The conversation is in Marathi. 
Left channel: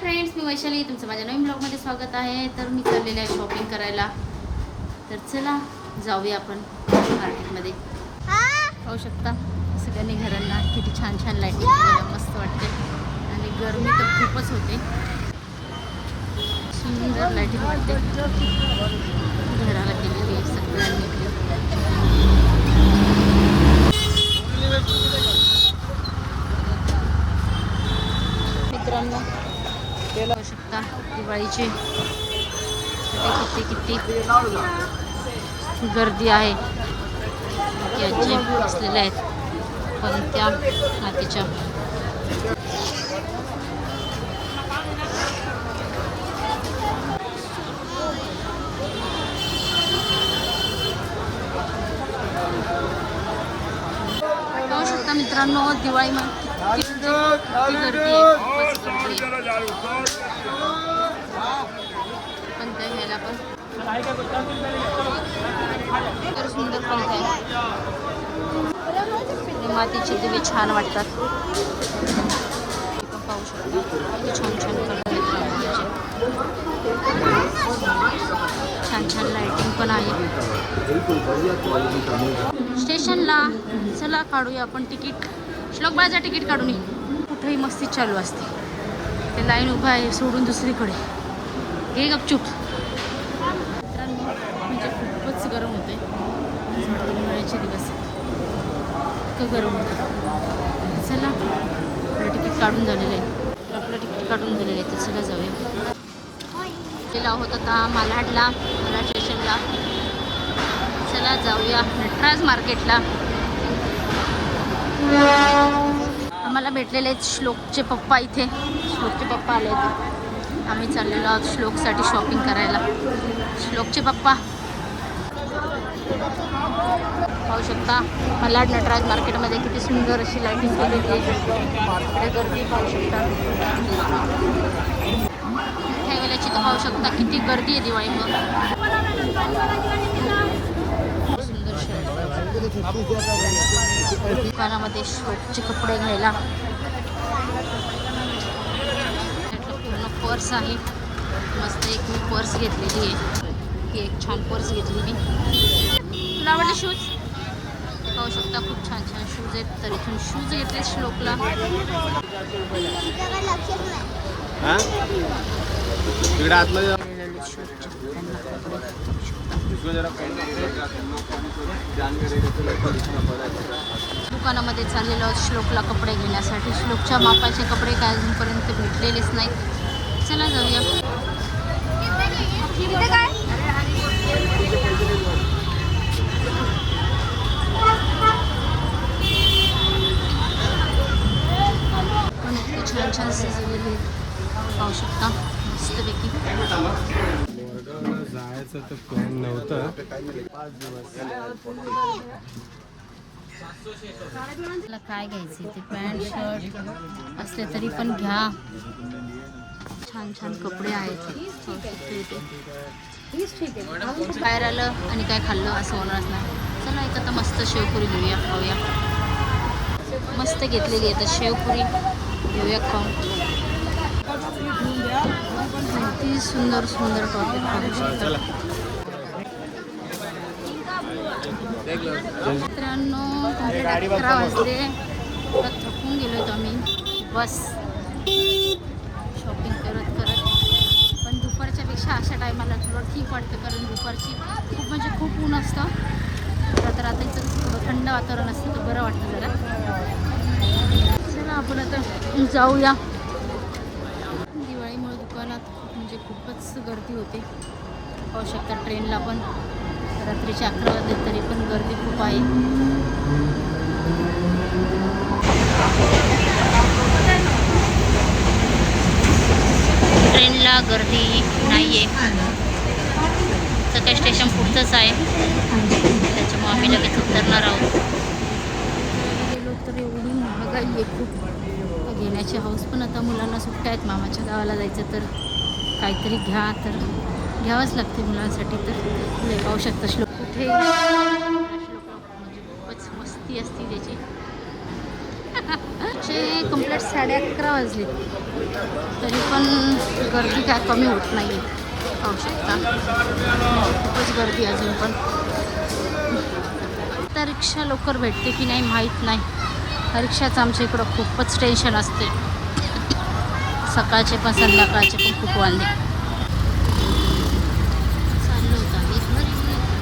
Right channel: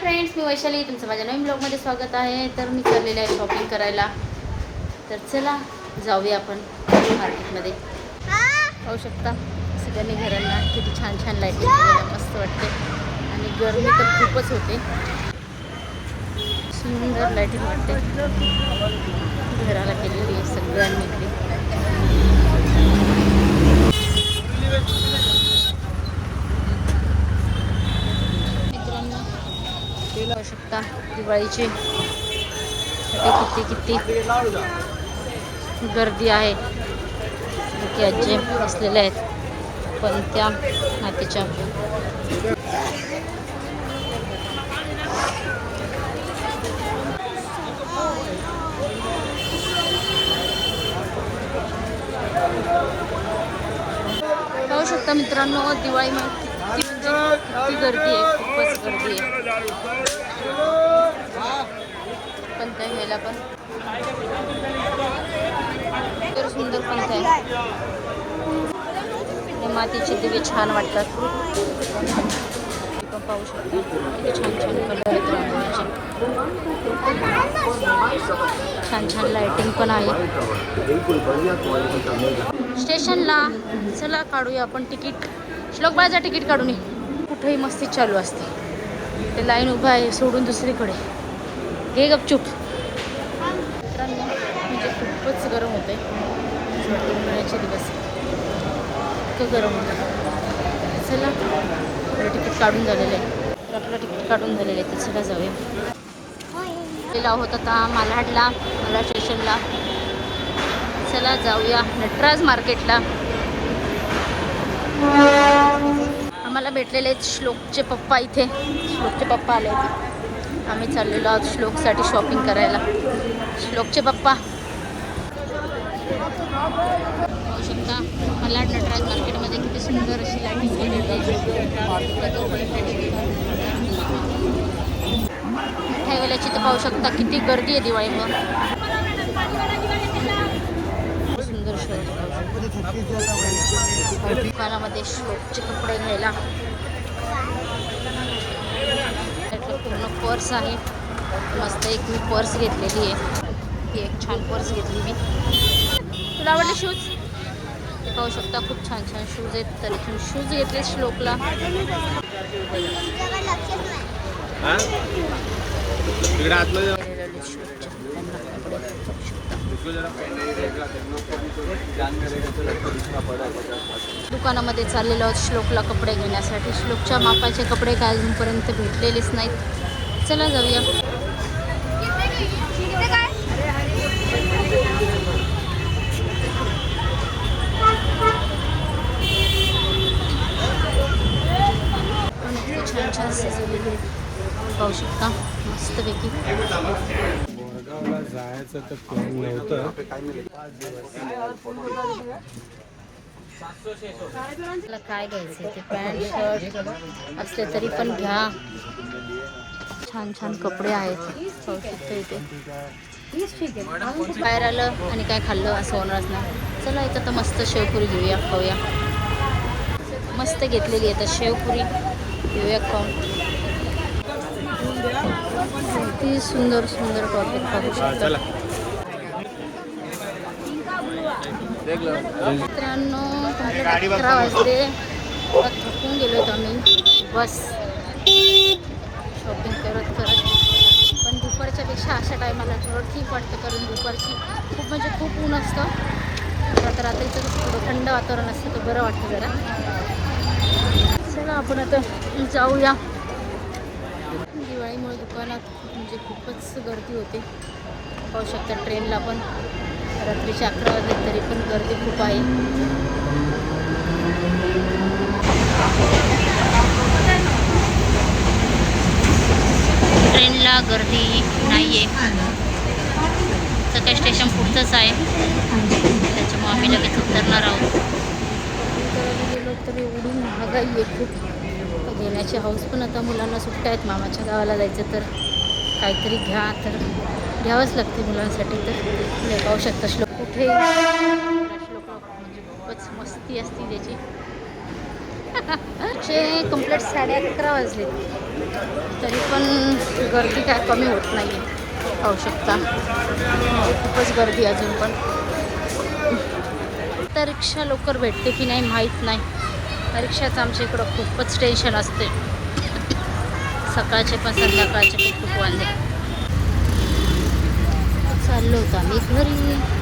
फ्रेंड्स मी वैशाली तुमचं माझ्या नवीन ब्लॉगमध्ये स्वागत आहे. तर मी चाललेलं आहे शॉपिंग करायला. तर चला जाऊया आपण मार्केटमध्ये पाहू शकता सगळ्यांनी घरांना किती छान छान लाइट मस्त वाटते आणि गरमी तर खूपच होते. सुंदर लाईटिंग वाटते घर केलेली सगळ्यांनी मिळून. मित्रांनो पाहू शकता दिवाळीचे साठी किती किती गर्दी आहे. की आजी असलेले आहेत. पण त्या मातीच्या. पाहू शकता मित्रांनो दिवाळी गर्दी आहे खूपच गर्दी आहे. पण त्या ह्याला पण. तर सुंदर पंच आहे मातीचे दिवे छान वाटतात. पाहू शकता. छान छान कलर आहेत रांगोळीचे. छान छान लाइटिंग पण आहे. स्टेशनला चला काढूया आपण तिकीट. श्लोक बाजा तिकीट काढून कुठेही मस्ती चालू असते. ते लाईन उभं आहे सोडून दुसरीकडे. हे गपचूप. मित्रांनो म्हणजे खूपच गरम होते उन्हाळ्याचे दिवस. इतकं गरम होतं चला आपलं तिकीट काढून झालेलं आहे. तर आपलं तिकीट काढून झालेलं आहे तर चला जाऊया. गेला होत आता मालाडला मला स्टेशनला. चला जाऊया नटराज मार्केटला. आम्हाला भेटलेले आहेत श्लोकचे पप्पा इथे. श्लोकचे पप्पा आले होते. आम्ही चाललेलो आहोत श्लोकसाठी शॉपिंग करायला. श्लोकचे पप्पा. मलाड नटराज मार्केटमध्ये किती सुंदर अशी लाईटिंग ह्या वेळेची तर पाहू शकता किती गर्दी आहे दिवाळीमुळे सुंदर शर्ट पाहू शकता दुकानामध्ये श्लोकचे कपडे घ्यायला. त्यातलं पूर्ण पर्स आहे. मस्त एक मी पर्स घेतलेली आहे. ही एक छान पर्स घेतलेली तुला आवडले शूज पाहू शकता खूप छान छान शूज आहेत. तर इथून शूज घेतले श्लोकला वेगवेगळे श्लोकचे त्यांना कपडे पाहू शकता दुकानामध्ये चाललेलो आहोत श्लोकला कपडे घेण्यासाठी. श्लोकच्या मापाचे कपडे काय अजूनपर्यंत भेटलेलेच नाहीत. चला जाऊया पण इतके छान छान सजवलेले आहेत. पाहू शकता. मस्तपैकी. जायचं तर प्लॅन नव्हतं. काय घ्यायचं ते पॅन्ट शर्ट असले तरी पण घ्या. छान छान कपडे आहेत. पाहू शकता इथे. बाहेर आलं आणि काय खाल्लं असं होणार नाही. चला इथं तर मस्त शेवपुरी घेऊया खाऊया. मस्त घेतलेली आहे तर शेवपुरी. घेऊया खाऊन. किती सुंदर सुंदर टॉपिक पाहू शकतात. मित्रांनो कंप्लीट अकरा वाजले. आता थकून गेलो आम्ही. बस. शॉपिंग करत करत. पण दुपारच्या पेक्षा अशा टायमाला थोडं ठीक वाटतं कारण दुपारची खूप म्हणजे खूप ऊन असतं. आता रात्रीचं कसं थोडं थंड वातावरण असतं तर बरं वाटतं जरा. चला आपण आता जाऊया. दिवाळीमुळे दुकानात खूप म्हणजे खूपच गर्दी होते. पाहू शकता ट्रेनला पण. रात्रीचे अकरा वाजले तरी पण गर्दी खूप आहे. ट्रेनला गर्दी नाही आहे सकाळी स्टेशन पुढचंच आहे. त्याच्यामुळे आम्ही लगेच उतरणार आहोत. गेलो तर एवढी महागाई आहे खूप. घेण्याची हाऊस पण आता मुलांना सुट्ट्या आहेत मामाच्या गावाला जायचं तर काहीतरी घ्या तर घ्यावंच लागते मुलांसाठी तर. हे पाहू शकता श्लोक कुठे श्लोकला म्हणजे खूपच मस्ती असते त्याची. ते कंप्लीट साडे अकरा वाजले. तरी पण गर्दी काय कमी होत नाही आहे पाहू शकता. म्हणजे खूपच गर्दी अजून पण. आता रिक्षा लवकर भेटते की नाही माहीत नाही. रिक्षाचं आमच्या इकडं खूपच टेन्शन असते. सकाळचे पण संध्याकाळचे पण खूप वांदे चाललो होतो आम्ही घरी.